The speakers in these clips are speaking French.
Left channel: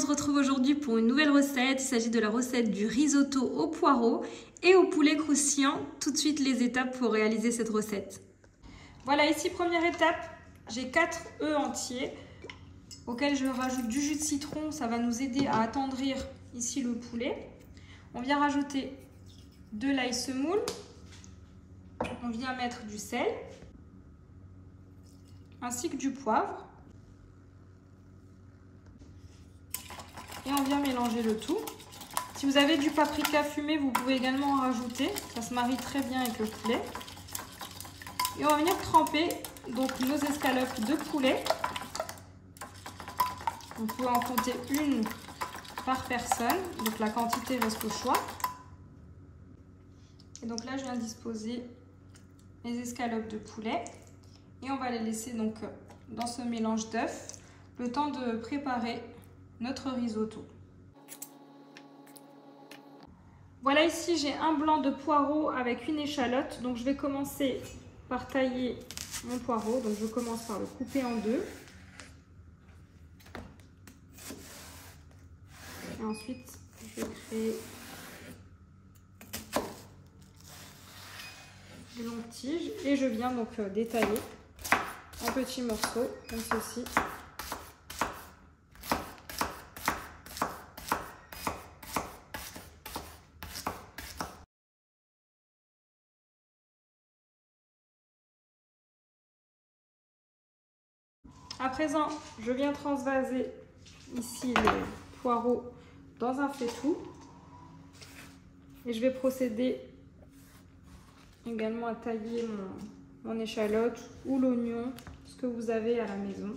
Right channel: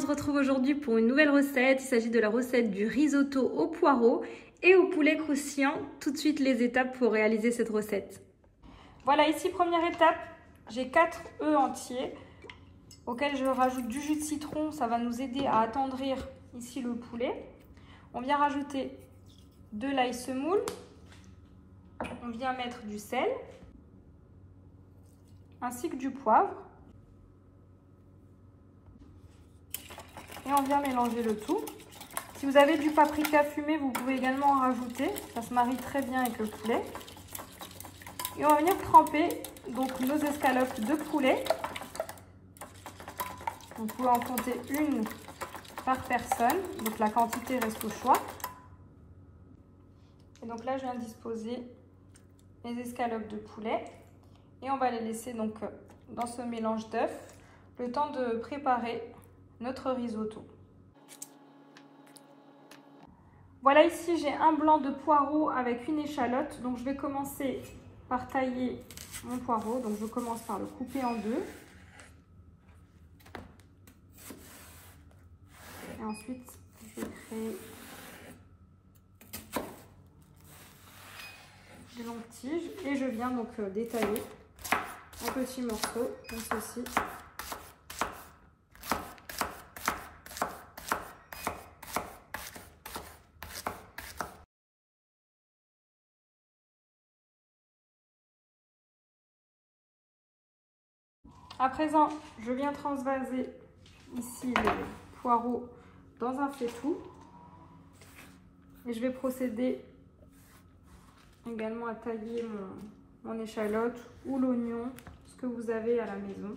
on se retrouve aujourd'hui pour une nouvelle recette. Il s'agit de la recette du risotto au poireau et au poulet croustillant. Tout de suite les étapes pour réaliser cette recette. Voilà, ici première étape, j'ai 4 œufs entiers auxquels je rajoute du jus de citron. Ça va nous aider à attendrir ici le poulet. On vient rajouter de l'ail semoule. On vient mettre du sel ainsi que du poivre. Et on vient mélanger le tout. Si vous avez du paprika fumé, vous pouvez également en rajouter. Ça se marie très bien avec le poulet. Et on va venir tremper donc nos escalopes de poulet. Vous pouvez en compter une par personne. Donc la quantité reste au choix. Et donc là, je viens disposer les escalopes de poulet. Et on va les laisser donc dans ce mélange d'œufs le temps de préparer notre risotto. Voilà, ici j'ai un blanc de poireau avec une échalote. Donc je vais commencer par tailler mon poireau. Donc je commence par le couper en deux. Et ensuite je vais créer des longues tiges. Et je viens donc détailler en petits morceaux comme ceci. À présent, je viens transvaser ici le poireau dans un faitout. Et je vais procéder également à tailler mon échalote ou l'oignon, ce que vous avez à la maison.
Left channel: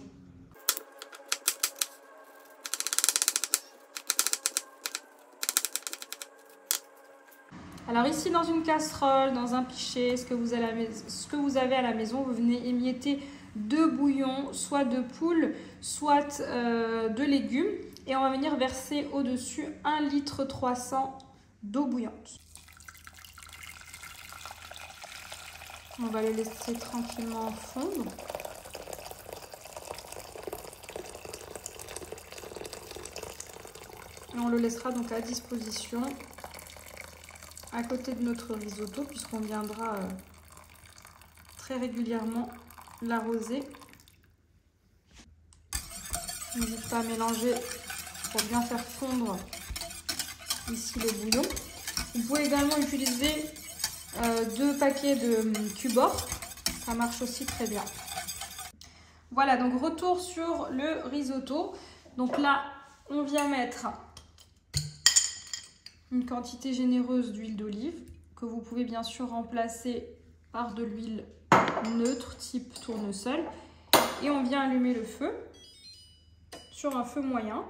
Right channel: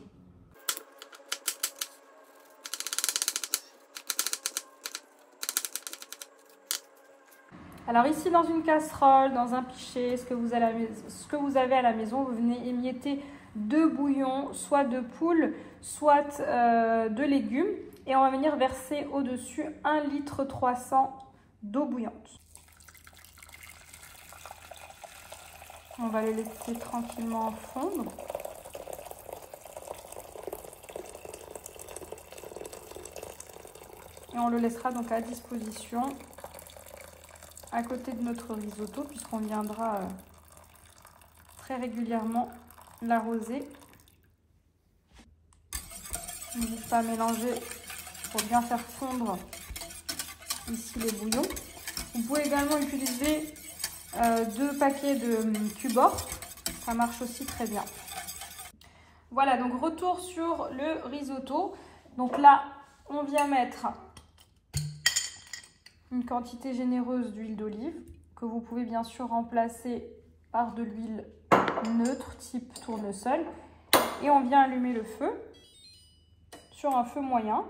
Alors ici, dans une casserole, dans un pichet, ce que vous avez à la maison, vous venez émietter 2 bouillons, soit de poule, soit de légumes. Et on va venir verser au-dessus 1,3 litre d'eau bouillante. On va le laisser tranquillement fondre. Et on le laissera donc à disposition à côté de notre risotto, puisqu'on viendra très régulièrement l'arroser. N'hésitez pas à mélanger pour bien faire fondre ici le bouillon. Vous pouvez également utiliser 2 paquets de Cubor, ça marche aussi très bien. Voilà, donc retour sur le risotto. Donc là, on vient mettre une quantité généreuse d'huile d'olive que vous pouvez bien sûr remplacer par de l'huile neutre type tournesol. Et on vient allumer le feu sur un feu moyen.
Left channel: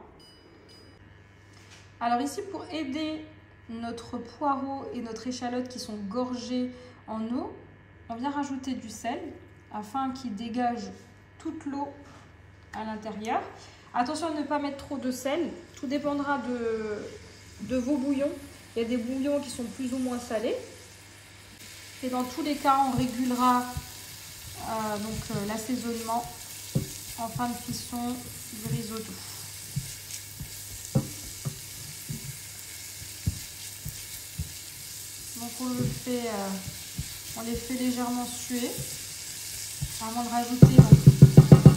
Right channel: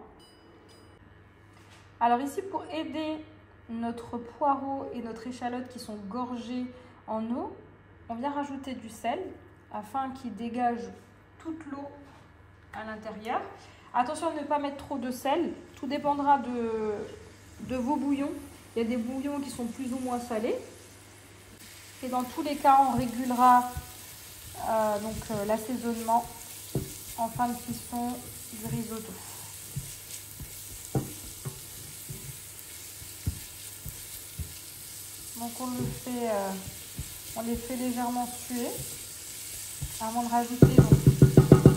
Alors ici, pour aider notre poireau et notre échalote qui sont gorgés en eau, on vient rajouter du sel afin qu'il dégage toute l'eau à l'intérieur. Attention à ne pas mettre trop de sel, tout dépendra de vos bouillons. Il y a des bouillons qui sont plus ou moins salés. Et dans tous les cas, on régulera l'assaisonnement en fin de cuisson du risotto. Donc on les fait légèrement suer avant de rajouter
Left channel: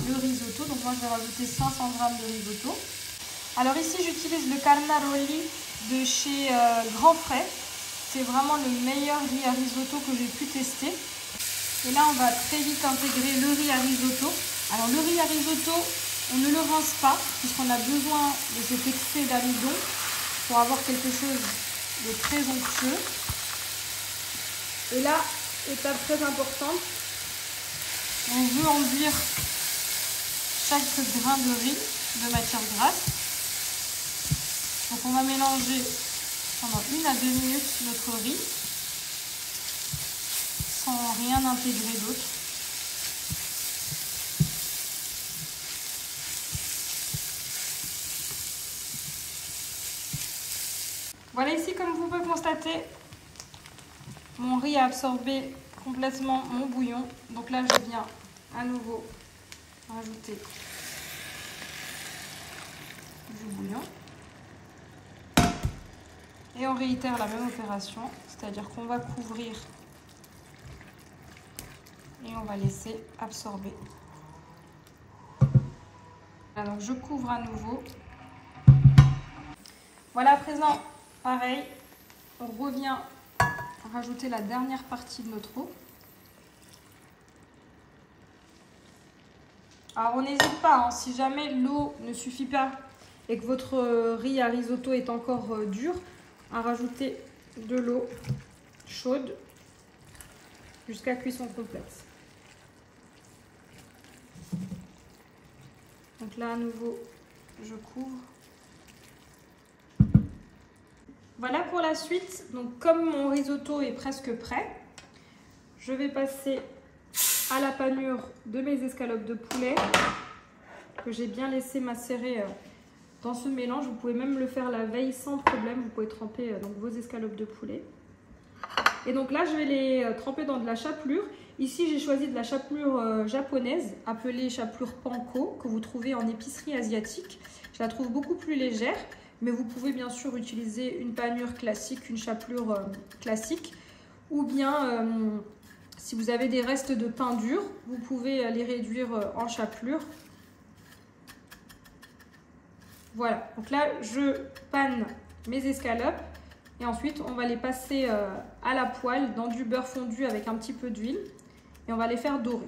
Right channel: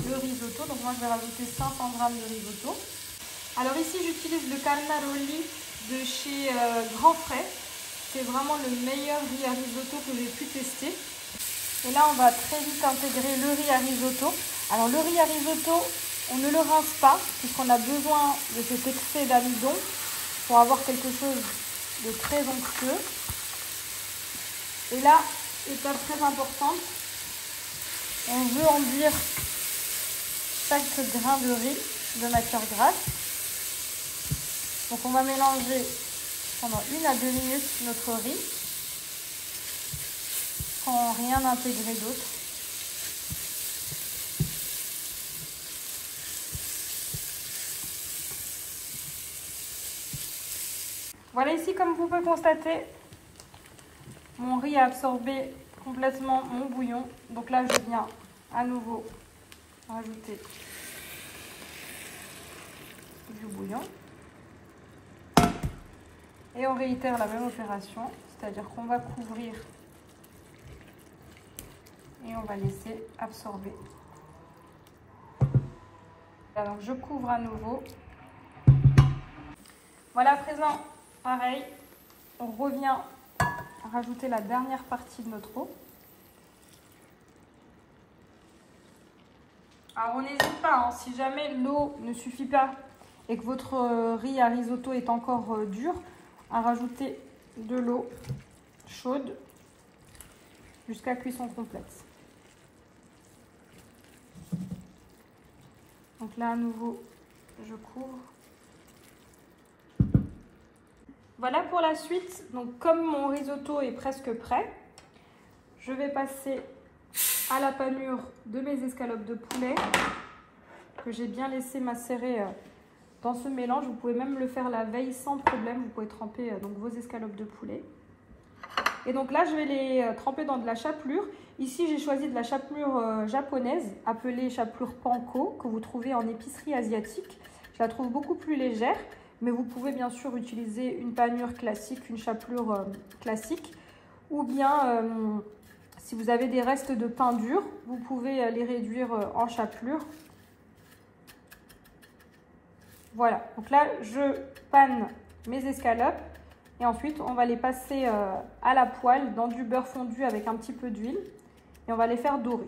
le risotto. Donc moi je vais rajouter 500 g de risotto. Alors ici j'utilise le Carnaroli de chez Grand Frais. C'est vraiment le meilleur riz à risotto que j'ai pu tester. Et là on va très vite intégrer le riz à risotto. Alors le riz à risotto, on ne le rince pas puisqu'on a besoin de cet excès d'amidon pour avoir quelque chose de très onctueux. Et là, étape très importante, on veut enduire chaque grain de riz de matière grasse. Donc on va mélanger pendant 1 à 2 minutes notre riz sans rien intégrer d'autre. Voilà, ici comme vous pouvez constater, mon riz a absorbé complètement mon bouillon. Donc là, je viens à nouveau rajouter du le bouillon. Et on réitère la même opération, c'est-à-dire qu'on va couvrir et on va laisser absorber. Voilà, donc je couvre à nouveau. Voilà, à présent, pareil, on revient rajouter la dernière partie de notre eau. Alors on n'hésite pas, hein, si jamais l'eau ne suffit pas et que votre riz à risotto est encore dur, à rajouter de l'eau chaude jusqu'à cuisson complète. Donc là à nouveau je couvre. Voilà pour la suite. Donc comme mon risotto est presque prêt, je vais passer à la panure de mes escalopes de poulet que j'ai bien laissé macérer dans ce mélange. Vous pouvez même le faire la veille sans problème. Vous pouvez tremper donc vos escalopes de poulet. Et donc là, je vais les tremper dans de la chapelure. Ici, j'ai choisi de la chapelure japonaise, appelée chapelure panko, que vous trouvez en épicerie asiatique. Je la trouve beaucoup plus légère, mais vous pouvez bien sûr utiliser une panure classique, une chapelure classique, ou bien si vous avez des restes de pain dur, vous pouvez les réduire en chapelure. Voilà, donc là je panne mes escalopes et ensuite on va les passer à la poêle dans du beurre fondu avec un petit peu d'huile et on va les faire dorer.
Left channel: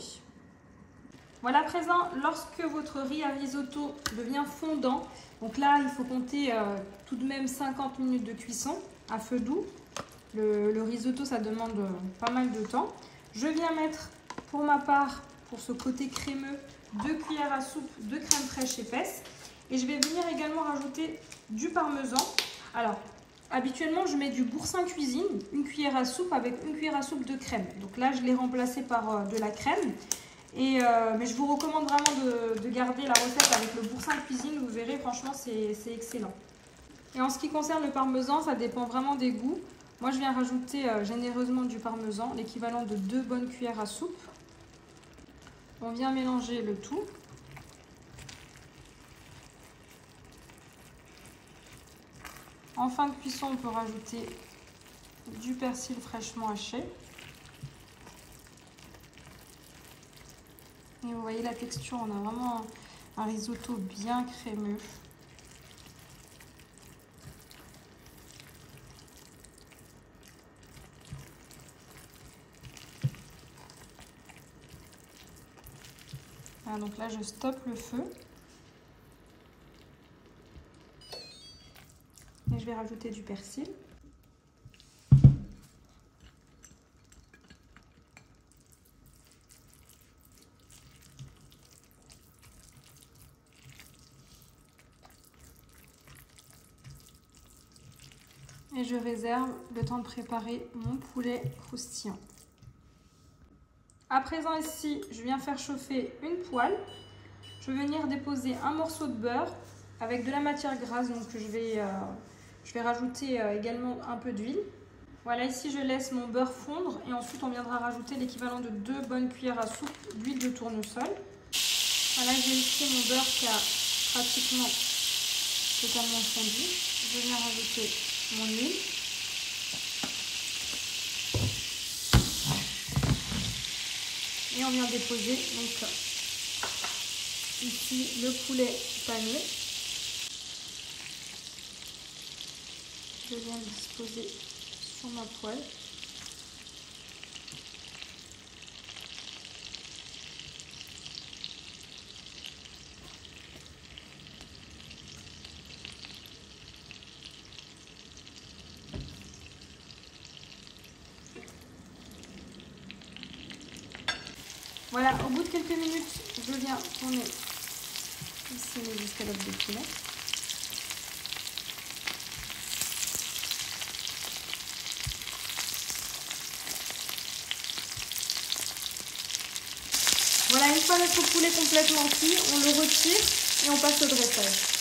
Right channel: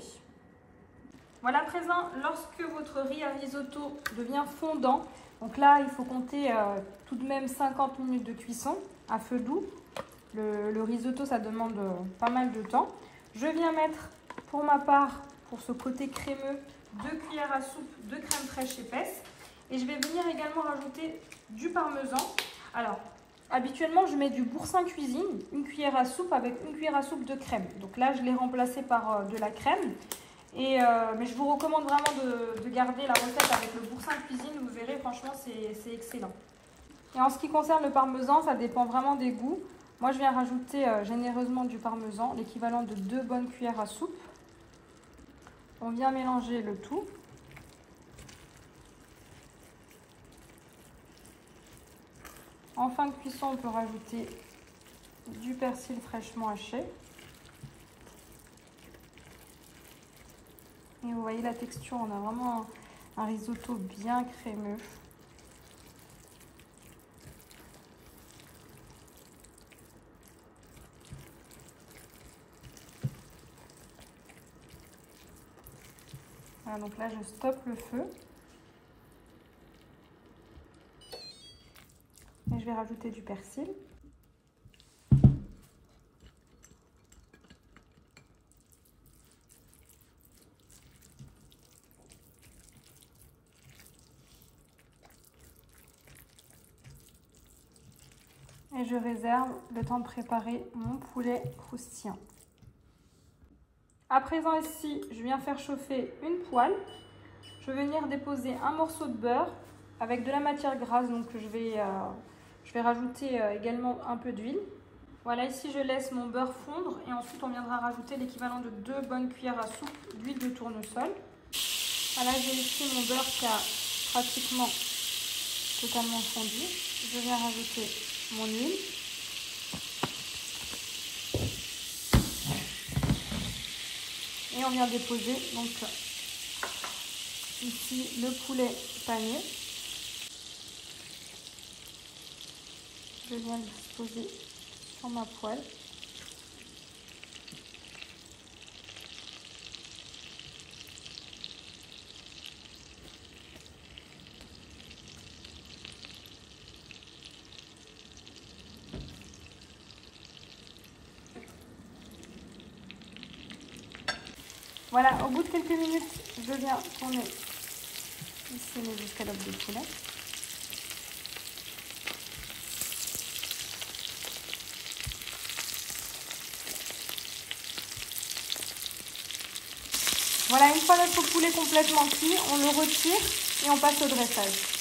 Voilà, à présent, lorsque votre riz à risotto devient fondant, donc là il faut compter tout de même 50 minutes de cuisson à feu doux. Le risotto ça demande pas mal de temps. Je viens mettre pour ma part, pour ce côté crémeux, 2 cuillères à soupe de crème fraîche épaisse. Et je vais venir également rajouter du parmesan. Alors, habituellement, je mets du boursin cuisine, une cuillère à soupe avec une cuillère à soupe de crème. Donc là, je l'ai remplacé par de la crème. Mais je vous recommande vraiment de garder la recette avec le boursin cuisine. Vous verrez, franchement, c'est excellent. Et en ce qui concerne le parmesan, ça dépend vraiment des goûts. Moi, je viens rajouter généreusement du parmesan, l'équivalent de 2 bonnes cuillères à soupe. On vient mélanger le tout. En fin de cuisson, on peut rajouter du persil fraîchement haché. Et vous voyez la texture, on a vraiment un risotto bien crémeux. Voilà, donc là, je stoppe le feu. Et je vais rajouter du persil. Et je réserve le temps de préparer mon poulet croustillant. À présent ici, je viens faire chauffer une poêle. Je vais venir déposer un morceau de beurre avec de la matière grasse. Donc je vais rajouter également un peu d'huile. Voilà, ici je laisse mon beurre fondre et ensuite on viendra rajouter l'équivalent de 2 bonnes cuillères à soupe d'huile de tournesol. Voilà, j'ai ici mon beurre qui a pratiquement totalement fondu. Je viens rajouter mon huile. Et on vient déposer donc ici le poulet pané. Je viens le disposer sur ma poêle. Voilà, au bout de quelques minutes, je viens tourner ici mes escalopes de poulet. Voilà, une fois notre poulet complètement cuit, on le retire et on passe au dressage.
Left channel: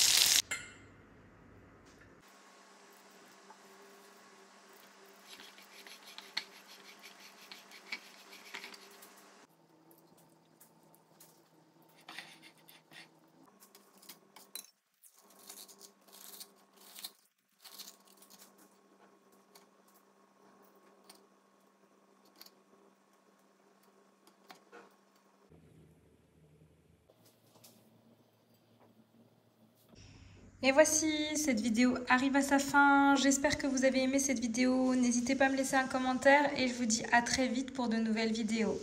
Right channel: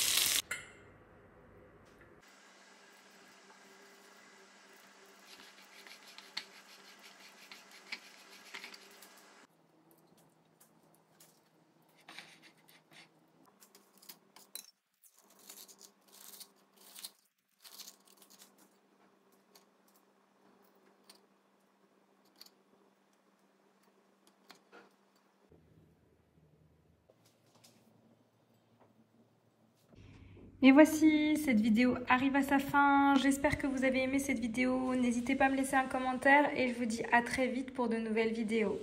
Et voici, cette vidéo arrive à sa fin. J'espère que vous avez aimé cette vidéo. N'hésitez pas à me laisser un commentaire et je vous dis à très vite pour de nouvelles vidéos.